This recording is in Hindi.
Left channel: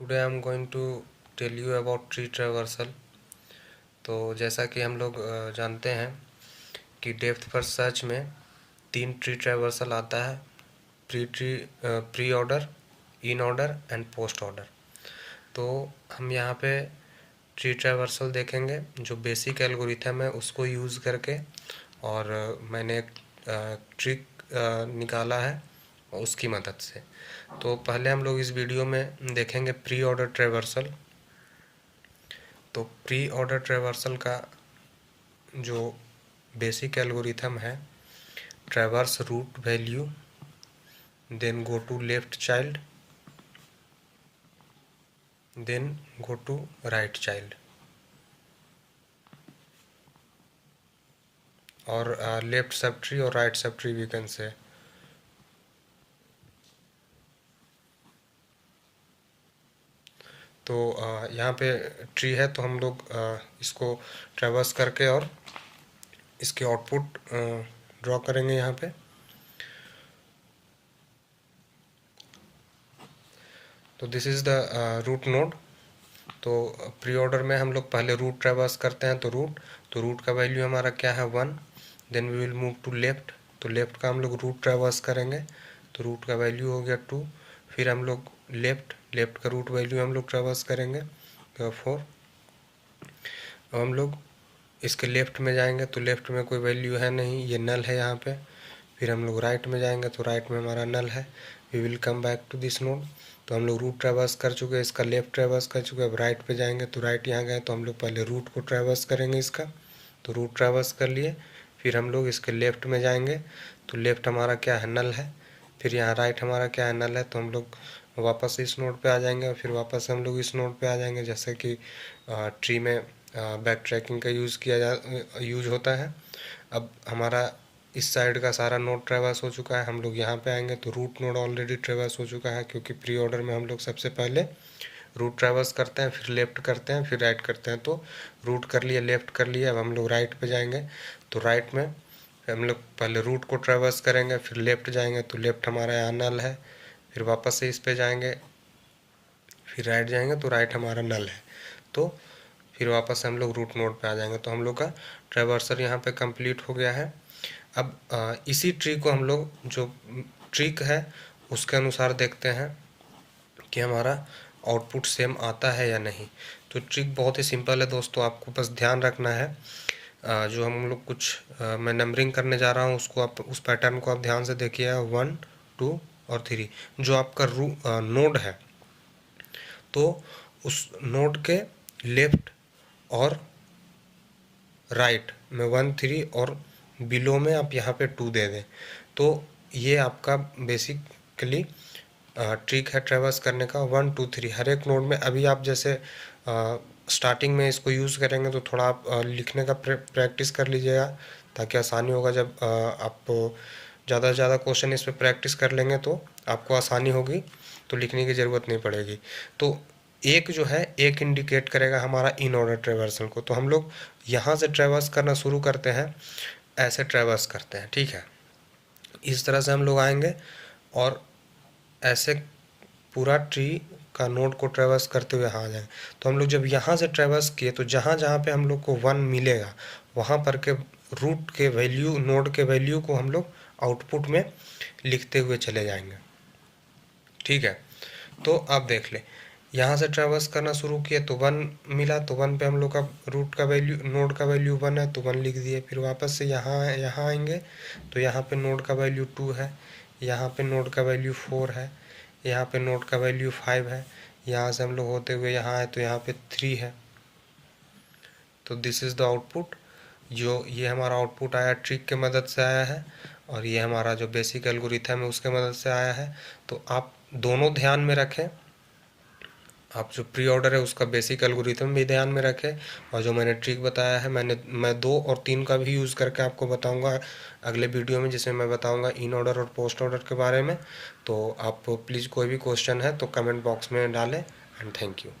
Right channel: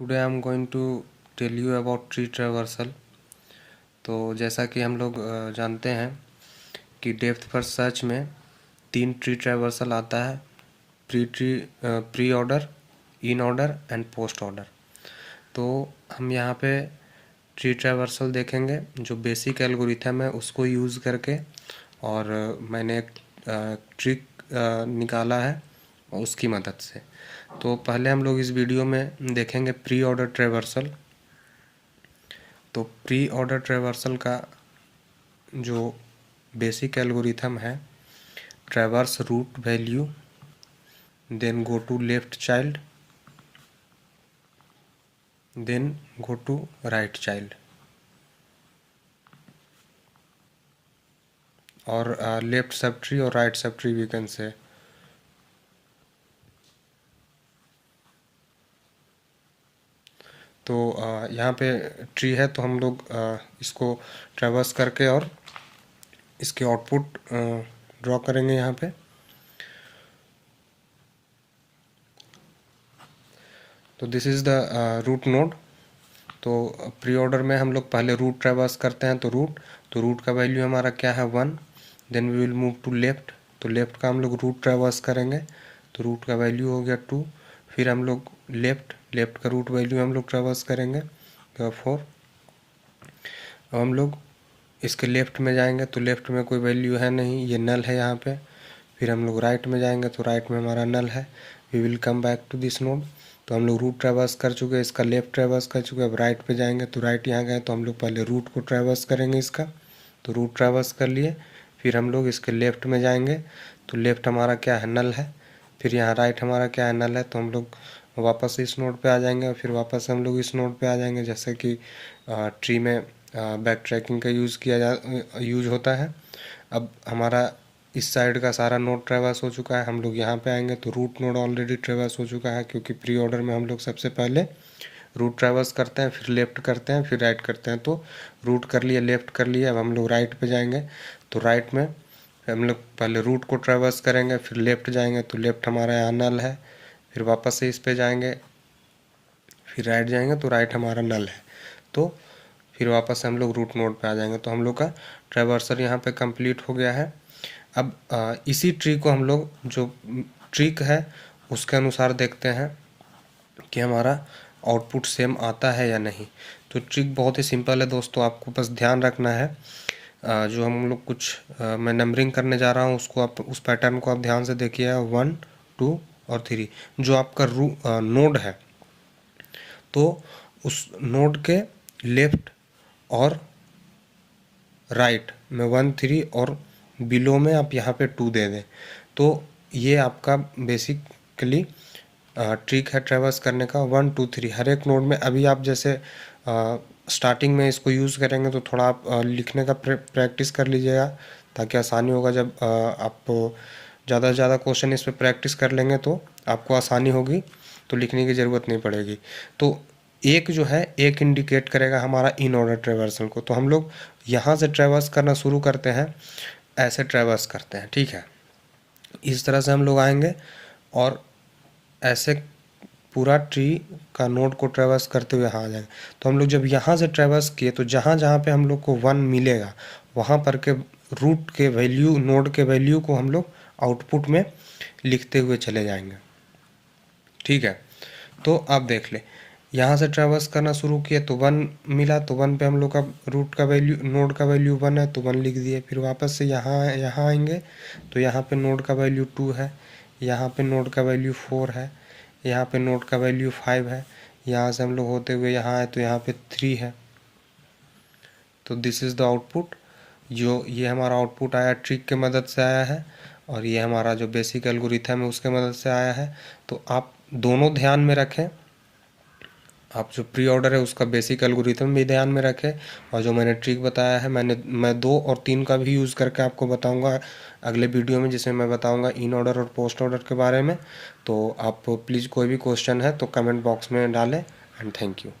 Today I am going to tell you about tree traversal. तो जैसा कि हम लोग जानते हैं कि डेप्थ फर्स्ट सर्च में 3 ट्री ट्रैवर्सल आता है, pre order, in order and post order. तो हम यहाँ पे ट्री ट्रैवर्सल देखेंगे जो बेसिक एल्गोरिथम है उसको यूज़ करके, और मैंने एक ट्रिक निकाला है उसकी मदद से। तो पहले हम लोग इस वीडियो में देखेंगे प्री ऑर्डर ट्रैवर्सल। तो प्री ऑर्डर ट्रैवर्सल का जो बेसिक एल्गोरिथम है, traverse root value, then go to left child, then go to right child, और लेफ्ट सब ट्री और right sub tree we can say. तो यहाँ पे ट्री है तो हम लोग इसको ट्रैवर्स करके और इसके आउटपुट ड्रॉ करेंगे यहाँ पे। तो this is the root node. तो प्री ऑर्डर में हम लोग पहले रूट ट्रैवर्स करते हैं, तो रूट का वैल्यू हमारा क्या है 1। Then we will move to left, तो लेफ्ट का हम लोग रूट ट्रैवर्स करेंगे, तो रूट का वैल्यू हो गया 2। फिर हम लोग लेफ्ट का रूट वैल्यू हम लोग ट्रैवर्स करेंगे 4। अब हम लोग इसके लेफ्ट में जाएंगे तो लेफ्ट में कोई वैल्यू है नहीं, ये नल है यहाँ पे। फिर हम लोग राइट में जाएंगे तो राइट में हमारा नल है। We will come back to this node. तो हम लोग रूट ट्रैवर्स कर चुके हैं, इसका लेफ्ट ट्रैवर्स कर चुके हैं। अब राइट पे जाएंगे तो राइट यहाँ गए तो हम लोग पहले रूट को ट्रैवर्स करेंगे इसका, तो रूट ट्रैवर्स कर लिए। फिर हम लोग इसके लेफ्ट में जाएंगे तो लेफ्ट हमारा क्या है, नल है। फिर यहाँ राइट हमारा क्या है, नल है। तो हम लोग वापस इस नोड पे आ जाएंगे और फिर वापस हम लोग इस नोड पे आ जाएंगे। जैसे कि ट्री में बैक ट्रैकिंग का यूज होता है। अब हमारा इस साइड का सारा नोड ट्रैवर्स हो चुका है। हम लोग यहाँ पे आएंगे तो रूट नोड ऑलरेडी ट्रैवर्स हो चुका है, क्योंकि प्री ऑर्डर में हम लोग सबसे पहले रूट ट्रैवर्स करते हैं, फिर लेफ्ट करते हैं, फिर राइट करते हैं। तो रूट कर लिए, लेफ्ट कर लिए। अब हम लोग राइट पे जाएंगे तो राइट में हम लोग पहले रूट को ट्रैवर्स करेंगे, फिर लेफ्ट जाएंगे तो लेफ्ट हमारा यहाँ नल है। फिर वापस से इस पे जाएंगे, फिर राइट जाएंगे तो राइट हमारा नल है। तो फिर वापस हम लोग रूट नोड पे आ जाएंगे। तो हम लोग का ट्रैवर्सर यहाँ पे कंप्लीट हो गया है। अब इसी ट्री को हम लोग जो ट्रिक है उसके अनुसार देखते हैं कि हमारा आउटपुट सेम आता है या नहीं। तो ट्रिक बहुत ही सिंपल है दोस्तों, आपको बस ध्यान रखना है। जो हम लोग मैं नंबरिंग करने जा रहा हूँ उसको आप, उस पैटर्न को आप ध्यान से देखिए। 1, 2 और 3 जो आपका नोड है, तो उस नोड के लेफ्ट और राइट में 1, 3 और बिलो में आप यहाँ पे 2 दे दें। तो ये आपका बेसिकली ट्रिक है ट्रैवर्स करने का। 1, 2, 3 हर एक नोड में। अभी आप जैसे स्टार्टिंग में इसको यूज़ करेंगे तो थोड़ा आप लिखने का प्रैक्टिस कर लीजिएगा, ताकि आसानी होगा। जब आप ज़्यादा से ज़्यादा क्वेश्चन इस पर प्रैक्टिस कर लेंगे तो आपको आसानी होगी, तो लिखने की ज़रूरत नहीं पड़ेगी। तो एक जो है, एक इंडिकेट करेगा हमारा इन ऑर्डर ट्रैवर्सल को। तो हम लोग यहाँ से ट्रैवर्स करना शुरू करते हैं, ऐसे ट्रैवर्स करते हैं, ठीक है। इस तरह से हम लोग आएंगे और ऐसे पूरा ट्री का नोड को ट्रैवर्स करते हुए यहाँ आ जाएंगे। तो हम लोग जब यहाँ से ट्रैवर्स किए तो जहाँ जहाँ पे हम लोग को 1 मिलेगा वहाँ पर के रूट के वैल्यू, नोड के वैल्यू को हम लोग आउटपुट में लिखते हुए चले जाएंगे, ठीक है। तो आप देख ले, यहाँ से ट्रैवर्स करना शुरू किए तो 1 मिला, तो 1 पे हम लोग का रूट का वैल्यू, नोड का वैल्यू 1 है तो 1 लिख दिए। फिर वापस से यहाँ आएंगे तो यहाँ पे नोड का वैल्यू 2 है, यहाँ पे नोड का वैल्यू 4 है, यहाँ पे नोड का वैल्यू 5 है। यहाँ से हम लोग होते हुए यहाँ आए तो यहाँ पे 3 है। तो दिस इज़ द आउटपुट। जो ये हमारा आउटपुट आया ट्रिक के मदद से आया है, और ये हमारा जो बेसिक एल्गोरिथम है उसके मदद से आया है। तो आप दोनों ध्यान में रखें, आप जो प्री ऑर्डर है उसका बेसिक एल्गोरिथम भी ध्यान में रखें, और जो मैंने ट्रिक बताया है मैं 2 और 3 का भी यूज़ करके आपको बताऊंगा अगले वीडियो में, जिसमें मैं बताऊंगा इन ऑर्डर और पोस्ट ऑर्डर के बारे में। तो आप प्लीज़ कोई भी क्वेश्चन है तो कमेंट बॉक्स में डालें, एंड थैंक यू।